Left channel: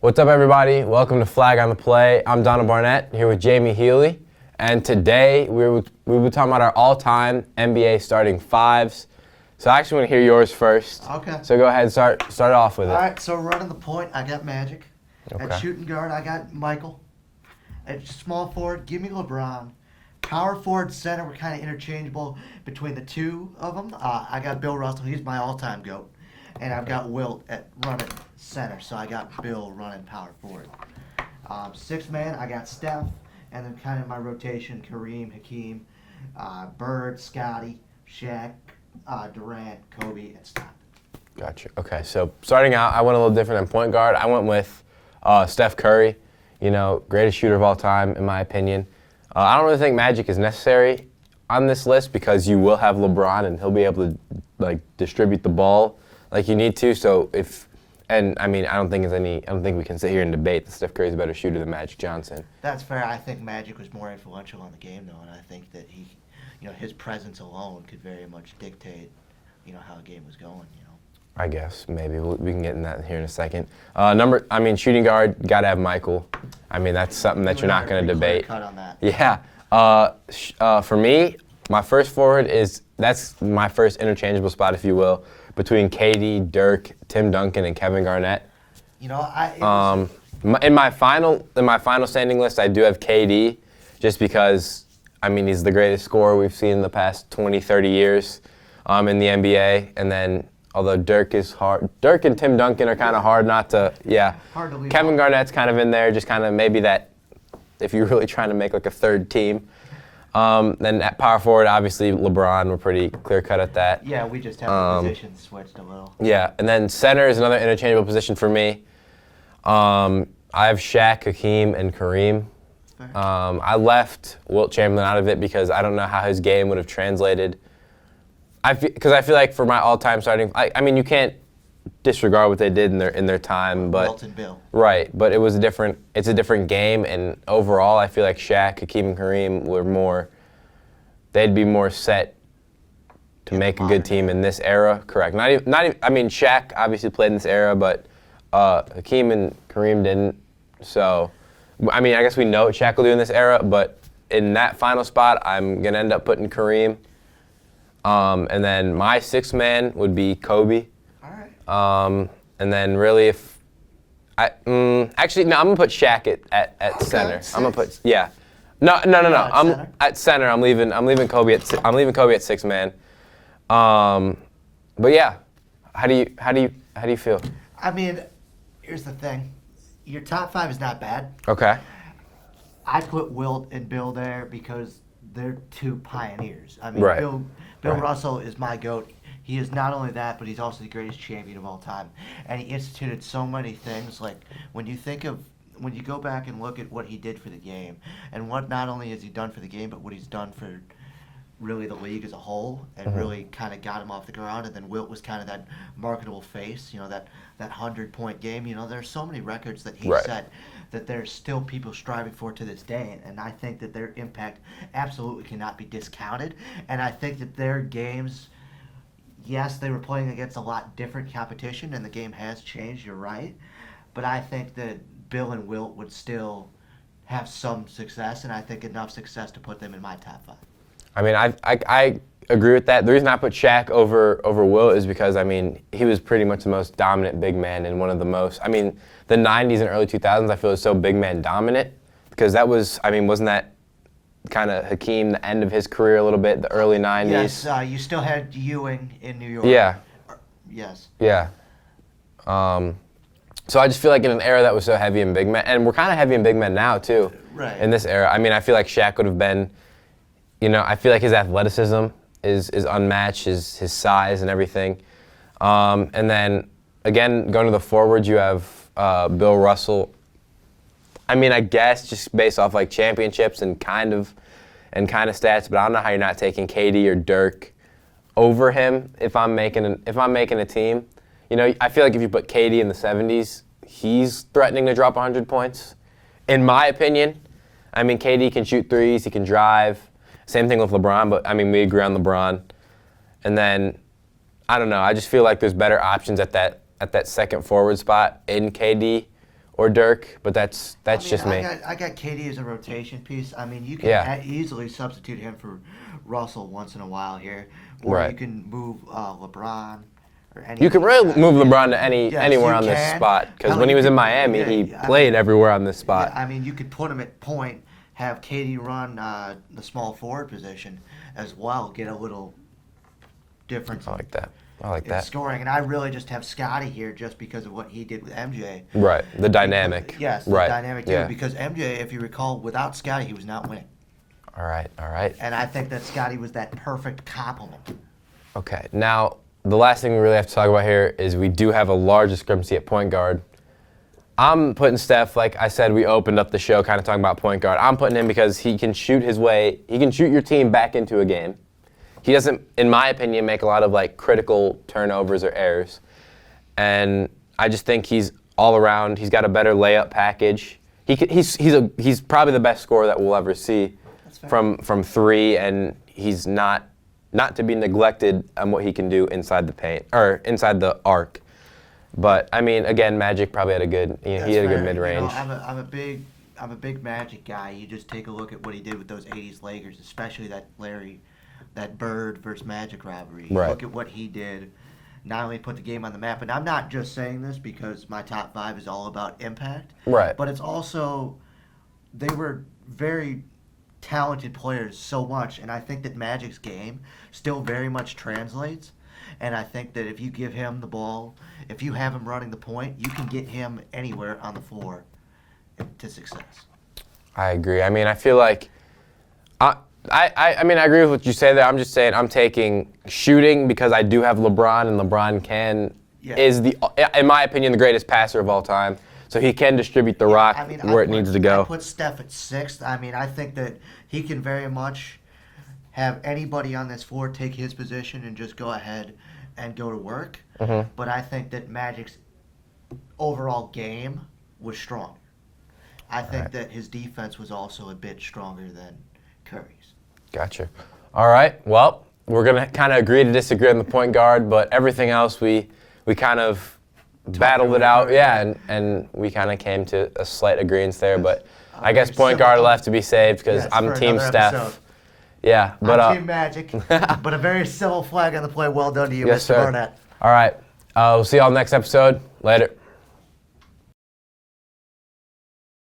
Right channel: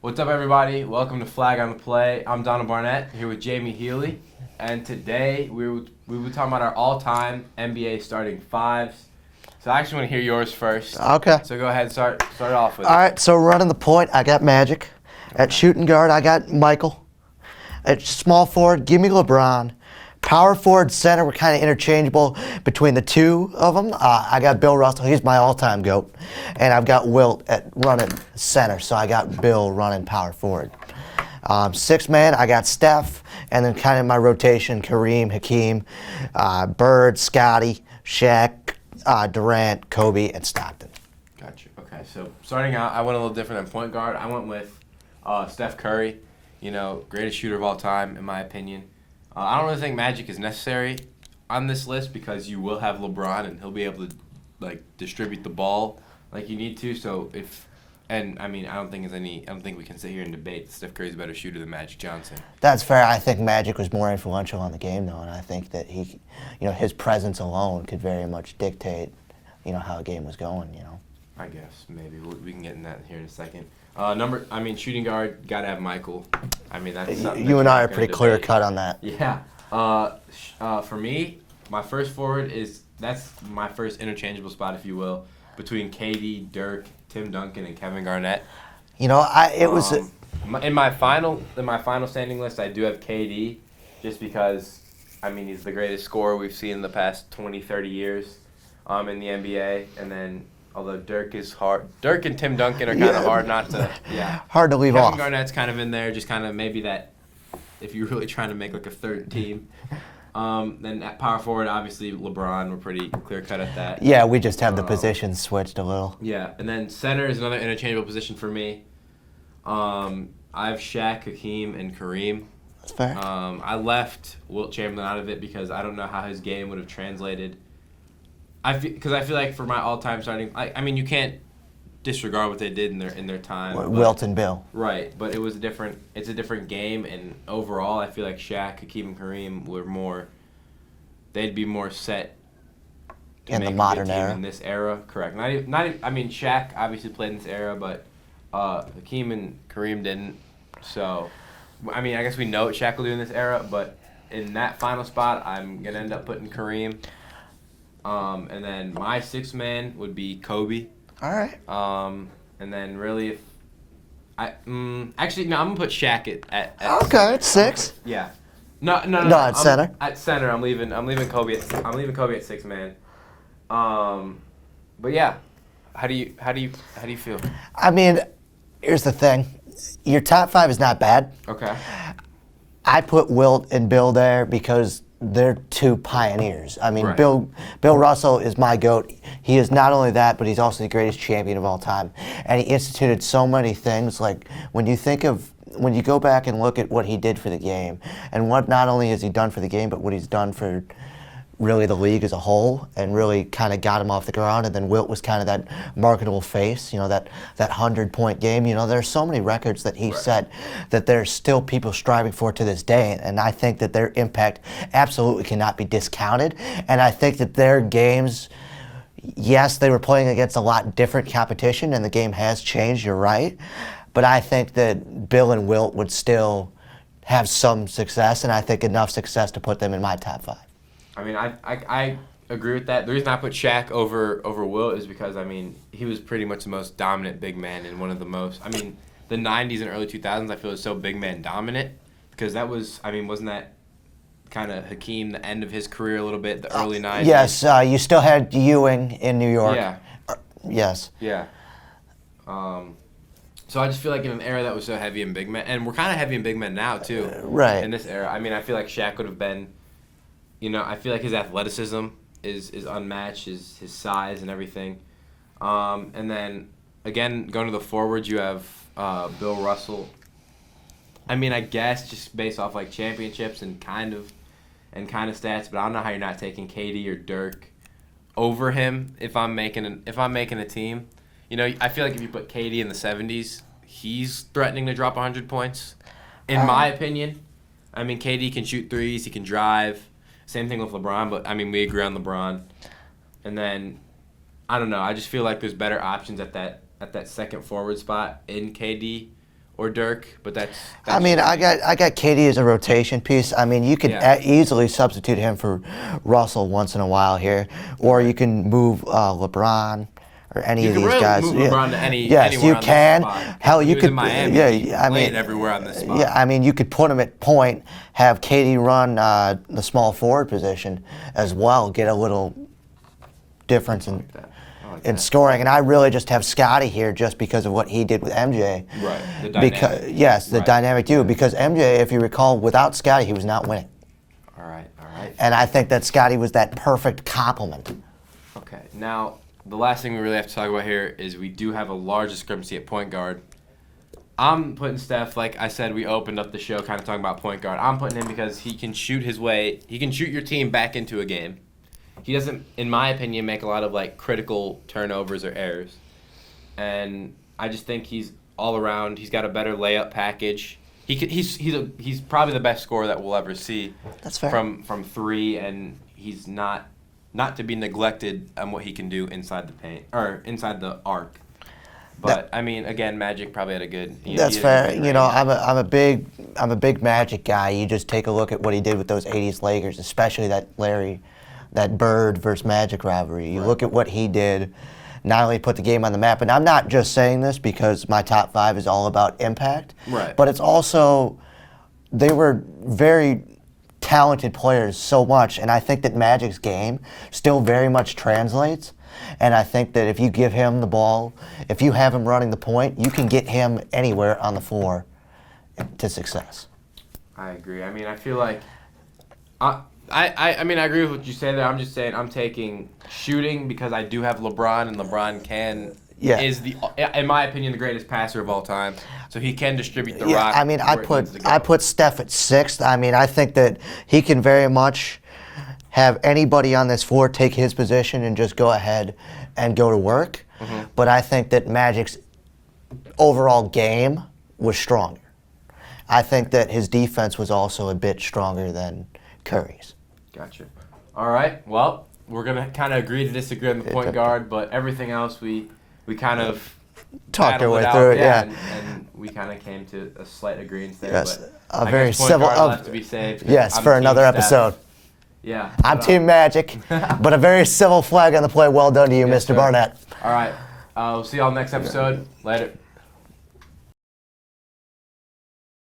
What's up, everybody? Welcome to Flag on the Play. I'm Donald Barnett here with Jamie Healy, and today we'll be talking about our all-time NBA starting fives. So I actually want to hear yours first. Okay. So go ahead and start off with it. All right, so running the point, I got Magic. At shooting guard, I got Michael. At small forward, give me LeBron. Power forward, center, we're kind of interchangeable between the two of them. I got Bill Russell, he's my all-time GOAT. And I've got Wilt at running center, so I got Bill running power forward. Six man, I got Steph, and then kind of my rotation, Kareem, Hakeem, Bird, Scotty, Shaq, Durant, Kobe, and Stockton. Gotcha. Okay, so starting out, I went a little different than point guard. I went with Steph Curry, greatest shooter of all time, in my opinion. I don't really think Magic is necessary on this list because you will have LeBron and he'll be able to distribute the ball like you need to. So I don't think we can sit here and debate that Steph Curry's a better shooter than Magic Johnson. That's fair. I think Magic was more influential on the game, though, and I think that his presence alone could very much dictate, how a game was going. I guess maybe we can get in that here in a second. Shooting guard, gotta have Michael. That's something that you're not going to debate. You and I are pretty clear cut on that. Yeah. For me, my first forward that's my first interchangeable spot, if you will, between KD, Dirk, Tim Duncan, and Kevin Garnett. In my final standing list, I do have KD, just because he's the greatest scorer we've seen in the past 20, 30 years in the NBA, and then. Although Dirk and Tim Duncan are kind of hard not to, hard to leave Kevin off. Garnett's kind of in there, just kind of maybe that, if you're really trying to make like a third team. Then at power forward, obviously LeBron, we're pretty clear cut at that. Yeah, we just have the positions switched a little. Yeah, and then center is another interchangeable position for me. I have Shaq, Hakeem, and Kareem. That's fair. I left Wilt Chamberlain out of it because I don't know how his game would have translated. Because I feel like for my all-time starting, you can't disregard what they did in their time. Wilt and Bill. Right, but it's a different game, and overall, I feel like Shaq, Hakeem, and Kareem they'd be more set to make a good team in this era. Correct. Shaq obviously played in this era, but Hakeem and Kareem didn't. So, I guess we know what Shaq will do in this era, but in that final spot, I'm gonna end up putting Kareem. And then my sixth man would be Kobe. All right. And then really I'm gonna put Shaq at okay, center. At six. No. At center. At center, I'm leaving Kobe at six man. But yeah, how do you feel? Here's the thing. Your top five is not bad. Okay. I put Wilt and Bill there because they're two pioneers. Right. Bill Russell is my GOAT. He is not only that, but he's also the greatest champion of all time. And he instituted so many things. Like when you go back and look at what he did for the game, and what not only has he done for the game, but what he's done for really the league as a whole, and really kind of got him off the ground. And then Wilt was kind of that marketable face, that 100-point game. There's so many records that he set that there's still people striving for to this day. And I think that their impact absolutely cannot be discounted. And I think that their games, yes, they were playing against a lot different competition, and the game has changed, you're right. But I think that Bill and Wilt would still have some success, and I think enough success to put them in my top five. I agree with that. The reason I put Shaq over Wilt is because, he was pretty much the most dominant big man and one of the most, the 90s and early 2000s I feel is so big man dominant because that was, wasn't that kind of Hakeem, the end of his career a little bit, the early 90s? Yes, you still had Ewing in New York. Yeah. Yes. Yeah. So I just feel like in an era that was so heavy in big men, and we're kind of heavy in big men now too. Right. In this era. I feel like Shaq would have been, I feel like his athleticism is unmatched, his size and everything. And then, again, going to the forwards, you have Bill Russell. I guess just based off like championships and kind of stats, but I don't know how you're not taking KD or Dirk over him if I'm making a team. I feel like if you put KD in the 70s, he's threatening to drop 100 points, in my opinion. KD can shoot threes, he can drive. Same thing with LeBron, but we agree on LeBron. And then, I don't know, I just feel like there's better options at that second forward spot in KD or Dirk, but that's I mean, just me. I got KD as a rotation piece. I mean, you could Yeah. easily substitute him for Russell once in a while here, or Right. you can move LeBron or any You of can these really guys. move Yeah. LeBron to Yes, anywhere you on can. this spot. Because Hell, when he you was could- in Miami, yeah, he I played mean, everywhere on this spot. Yeah, I mean, you could put him at point, have KD run the small forward position as well, get a little difference I like that. I like in that. scoring. And I really just have Scotty here just because of what he did with MJ. Right, the dynamic. Yes, the Right, dynamic too. yeah. Because MJ, if you recall, without Scotty, he was not winning. All right, all right. And I think that Scotty was that perfect complement. Okay, now the last thing we really have to talk about here is we do have a large discrepancy at point guard. I'm putting Steph, like I said, we opened up the show kind of talking about point guard. I'm putting him because he can shoot his way, he can shoot your team back into a game. He doesn't, in my opinion, make a lot of like critical turnovers or errors. And I just think he's all around, he's got a better layup package. He's probably the best scorer that we'll ever see. That's fair. From three, and he's not to be neglected on what he can do inside the paint or inside the arc. But I mean, again, Magic probably had a good. He That's had a fair. good You mid-range. know, I'm a big Magic guy. You just take a look at what he did with those '80s Lakers, especially that Bird versus Magic rivalry. You Right. look at what he did. Not only put the game on the map, and I'm not just saying this because my top five is all about impact. Right. But it's also they were very talented players so much, and I think that Magic's game still very much translates. And I think that if you give him the ball, if you have him running the point, you can get him anywhere on the floor to success. I agree. I mean, I feel like I mean, I agree with what you say there. I'm just saying I'm taking shooting because I do have LeBron, and LeBron is in my opinion, the greatest passer of all time. So he can distribute the rock I mean, where it needs to go. I put Steph at sixth. I mean, I think that he can very much have anybody on this floor take his position and just go ahead and go to work. Mm-hmm. But I think that Magic's overall game was stronger. I think that his defense was also a bit stronger than Curry's. Gotcha. All right. Well, we're gonna kind of agree to disagree on the point guard, but everything else we kind of battled our it way out. through it, Yeah, yeah. and we kind of came to a slight agreement there. Yes, But a I very guess point civil- guard will have to be saved because Yes, I'm for team another Steph. episode. Yeah. I'm But, Team Magic, but a very civil flag on the play. Well done to you, yes, Mr. sir. Burnett. All right. We'll see y'all next episode. Later.